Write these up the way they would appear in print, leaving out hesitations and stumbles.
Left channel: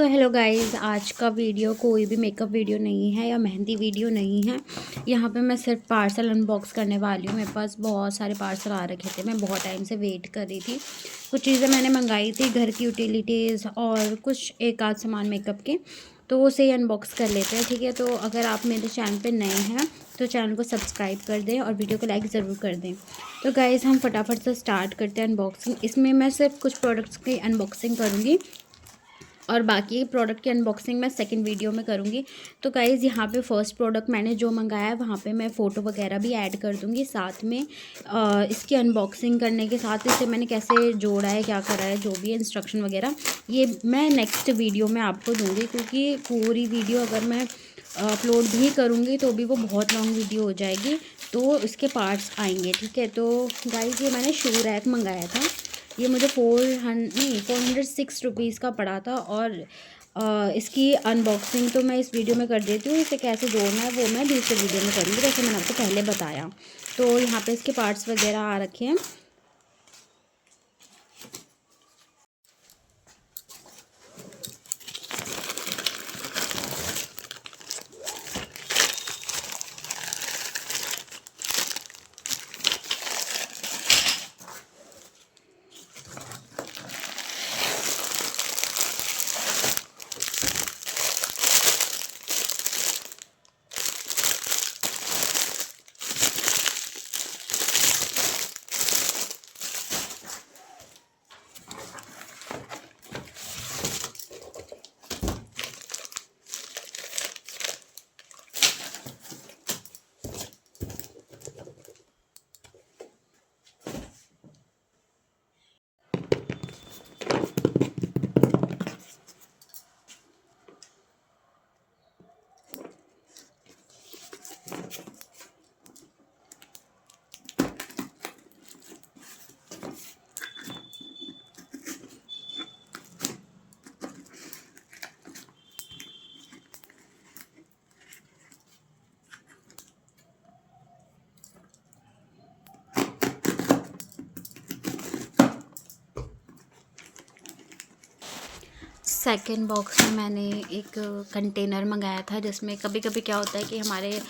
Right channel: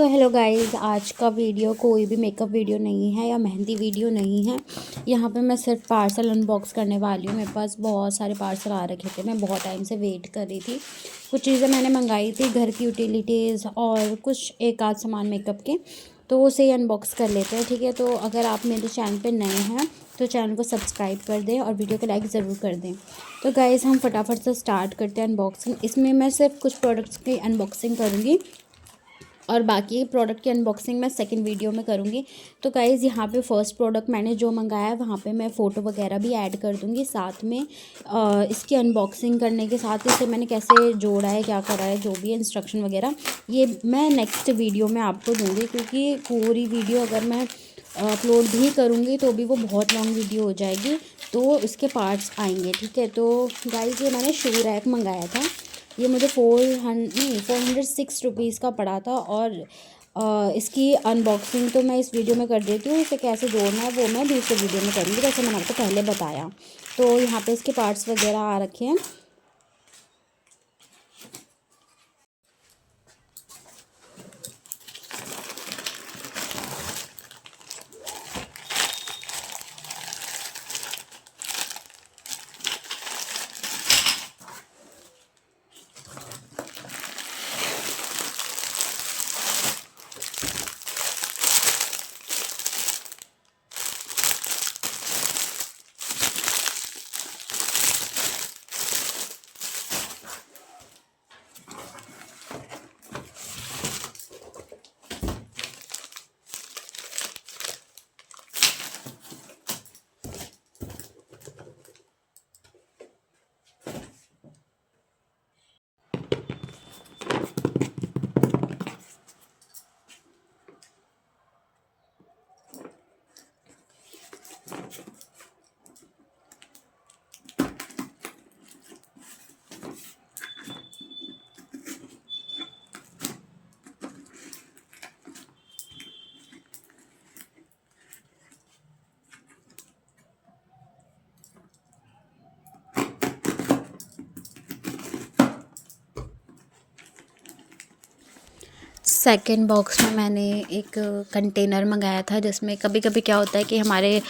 So hello guys, आज का वीडियो कोई भी मेकअप वीडियो नहीं है या मेहंदी वीडियो नहीं है। यहाँ पे मैं सिर्फ पार्सल अनबॉक्स करने वाली हूँ। मेरे पास बहुत सारे पार्सल आ रखे थे, मैं बहुत टाइम से वेट कर रही थी। कुछ चीज़ें मैंने मंगाई थी, घर की यूटिलिटीज़ और कुछ एक आध सामान मेकअप के, तो उसे ही अनबॉक्स कर लेते हैं। ठीक है, तो अगर आप मेरे चैनल पर नए हैं तो चैनल को सब्सक्राइब कर दें और वीडियो को लाइक ज़रूर कर दें। तो गाइज़, हम फटाफट से स्टार्ट करते हैं अनबॉक्सिंग। इसमें मैं सिर्फ कुछ प्रोडक्ट्स की अनबॉक्सिंग करूँगी और बाकी प्रोडक्ट की अनबॉक्सिंग मैं सेकंड वीडियो में करूँगी। तो गाइज़, यहाँ पे फर्स्ट प्रोडक्ट मैंने जो मंगाया है वहाँ पे मैं फ़ोटो वगैरह भी ऐड कर दूँगी साथ में। इसकी अनबॉक्सिंग करने के साथ इसे मैंने कैसे जोड़ा है, क्या करा है, जो भी है इंस्ट्रक्शन वगैरह, ये मैं नेक्स्ट वीडियो में आपको दूँगी। क्योंकि पूरी वीडियो अगर मैं अपलोड भी करूँगी तो भी वो बहुत लॉन्ग वीडियो हो जाएगी, तो इसके पार्ट्स आएंगे। ठीक है, तो गाइज़, ये मैंने शू रैक मंगाया था। ये मुझे 406 रुपीज़ का पड़ा था। और इसकी अनबॉक्सिंग तो मैं इस वीडियो में कर देती हूँ। इसे कैसे जोड़ना है वो मैं दूसरे वीडियो में करूँगी, जैसे मैंने आपको पहले बताया। तो यहाँ पे इसके पार्ट्स वगैरह आ रखे हैं। सेकंड बॉक्स में मैंने एक कंटेनर मंगाया था, जिसमें कभी कभी क्या होता है कि हमारे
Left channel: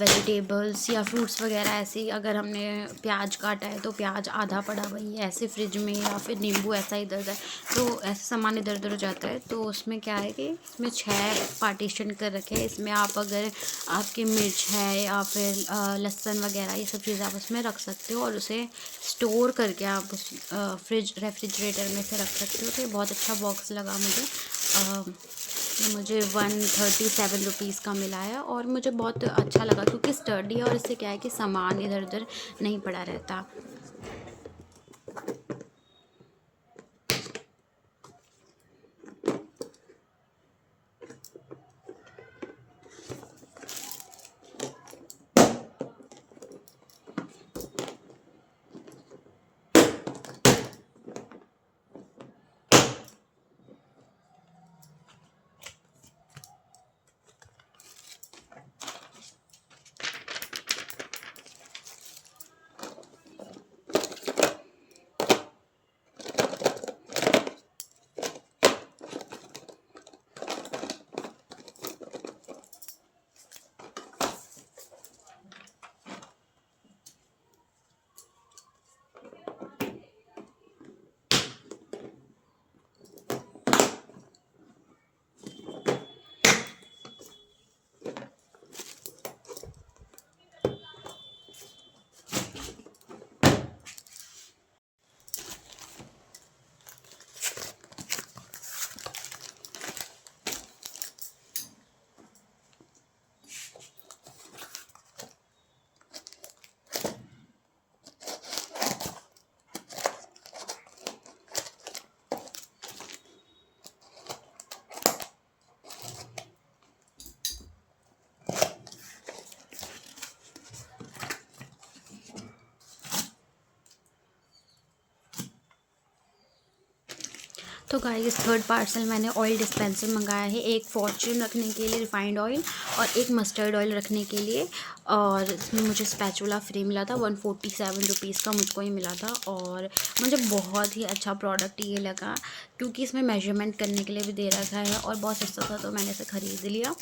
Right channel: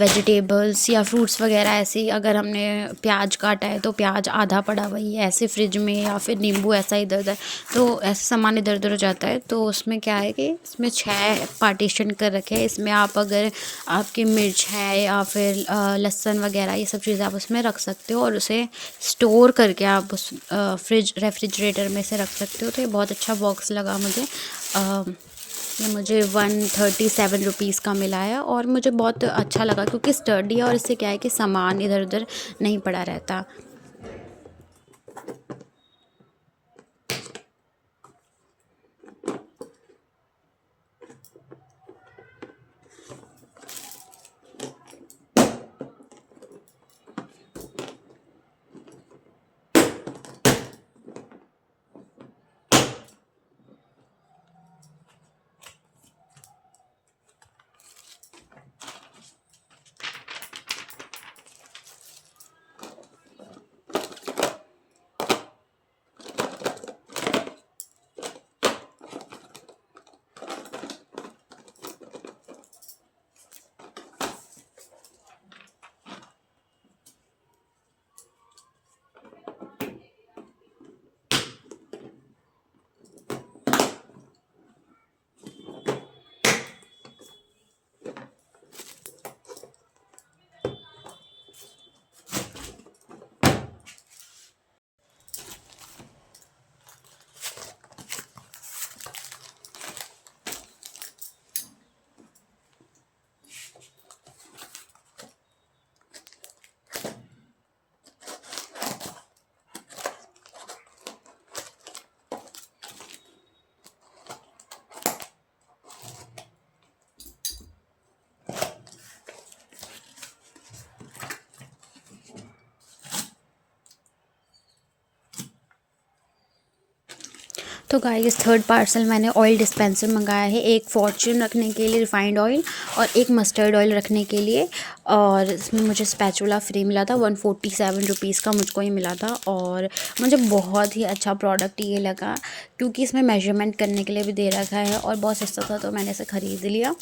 वेजिटेबल्स या फ्रूट्स वगैरह ऐसे ही, अगर हमने प्याज काटा है तो प्याज आधा पड़ा वही ऐसे फ्रिज में, या फिर नींबू ऐसा इधर उधर, तो ऐसे सामान इधर उधर हो जाता है। तो उसमें क्या है कि इसमें 6 पार्टीशन कर रखे हैं। इसमें आप अगर आपकी मिर्च है या फिर लहसुन वगैरह, ये सब चीज़ें आप उसमें रख सकते हो और उसे स्टोर करके आप उस रेफ्रिजरेटर में से रख सकते हो। तो ये बहुत अच्छा बॉक्स लगा मुझे। ये मुझे 137 रुपीज़ का मिला है और मुझे बहुत अच्छा लगा, क्योंकि स्टर्डी है और इससे क्या है कि सामान इधर उधर नहीं पड़ा रहता। तो गाइस थर्ड पार्सल मैंने ऑयल डिस्पेंसर मंगाया है, एक फॉर्च्यून रखने के लिए रिफाइंड ऑयल और एक मस्टर्ड ऑयल रखने के लिए। और इसमें मुझे स्पैचुला फ्री मिला था, 147 रुपीज़ का मुझको ये मिला था। और मुझे बहुत ही अच्छा प्रोडक्ट ये लगा, क्योंकि इसमें मेजरमेंट करने के लिए भी दे रखा है और बहुत सस्ता था, तो मैंने इसे ख़रीद लिया।